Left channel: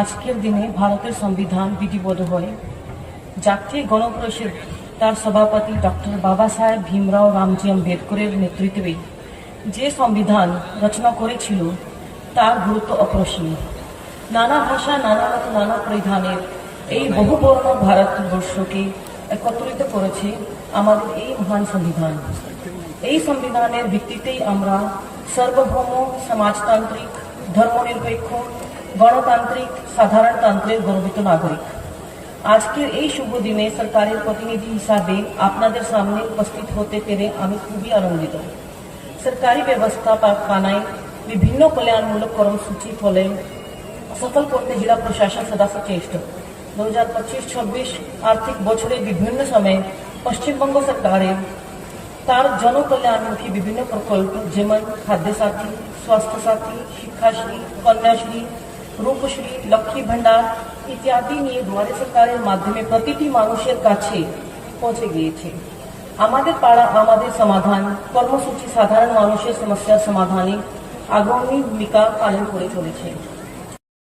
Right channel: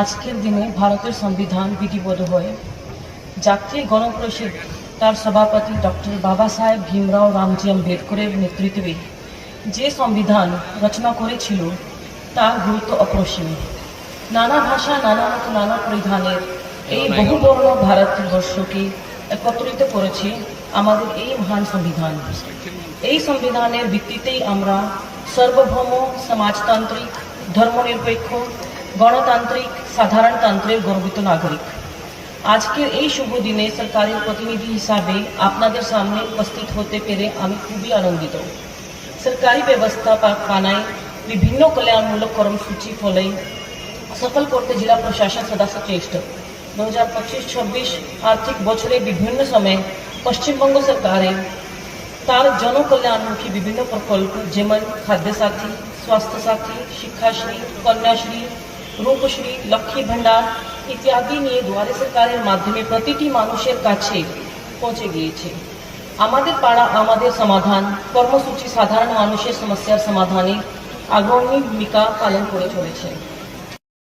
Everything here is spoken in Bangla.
আজকের দিনে ভারতের সংবিধান বিধিবদ্ধ হয়ে জাতীয় গণপরিষদ তার সভাপতি ডক্টর বাবা সাহেব ভীমরাও রামজি আম্বেদকরের নেতৃত্বে যে সংবিধান রচনা করেছিল তার গুরুত্ব অপরিসীম। নানা ভাষা, নানা মত, নানা পরিধানের এই বহুবর্ণ ভারতবর্ষকে একত্রিত করেছে আমাদের এই মহান সংবিধান। এই সংবিধানের ভিত্তিতেই আমরা সার্বভৌম, সমাজতান্ত্রিক, ধর্মনিরপেক্ষ, গণতান্ত্রিক, সাধারণতন্ত্রের গর্বিত নাগরিক। আজকের এই শুভ দিনে সরকারের প্রতিনিধি হিসাবে আপনাদের সামনে উপস্থিত হতে পেরে আমি খুবই আনন্দিত। सरकारी व्यवस्था पानाয় বিভিন্ন কল্যাণমূলক কর্মসূচি ফলে সফল করতে জেলা প্রশাসন সদা সচেষ্ট। 2025-26 আর্থিক বছরে বিভিন্ন সময়ে পশ্চিমবঙ্গ সরকারের তার জনকল্যাণমুখী বিভিন্ন প্রকল্প যেমন খাদ্য সাথী, স্বাস্থ্য সাথী, শিক্ষাশ্রী, কন্যাশ্রী, রূপশ্রী, লক্ষ্মী ভাণ্ডার ইত্যাদি নিয়ে দুয়ারে সরকারের মাধ্যমে প্রতিটি মানুষের কাছে পৌঁছে গিয়েছে। আমাদের পাড়া আমাদের সমাধান কর্মসূচি সাধারণ মানুষের সমস্যার সমাধানে অগ্রণী ভূমিকা পালন করে চলেছে।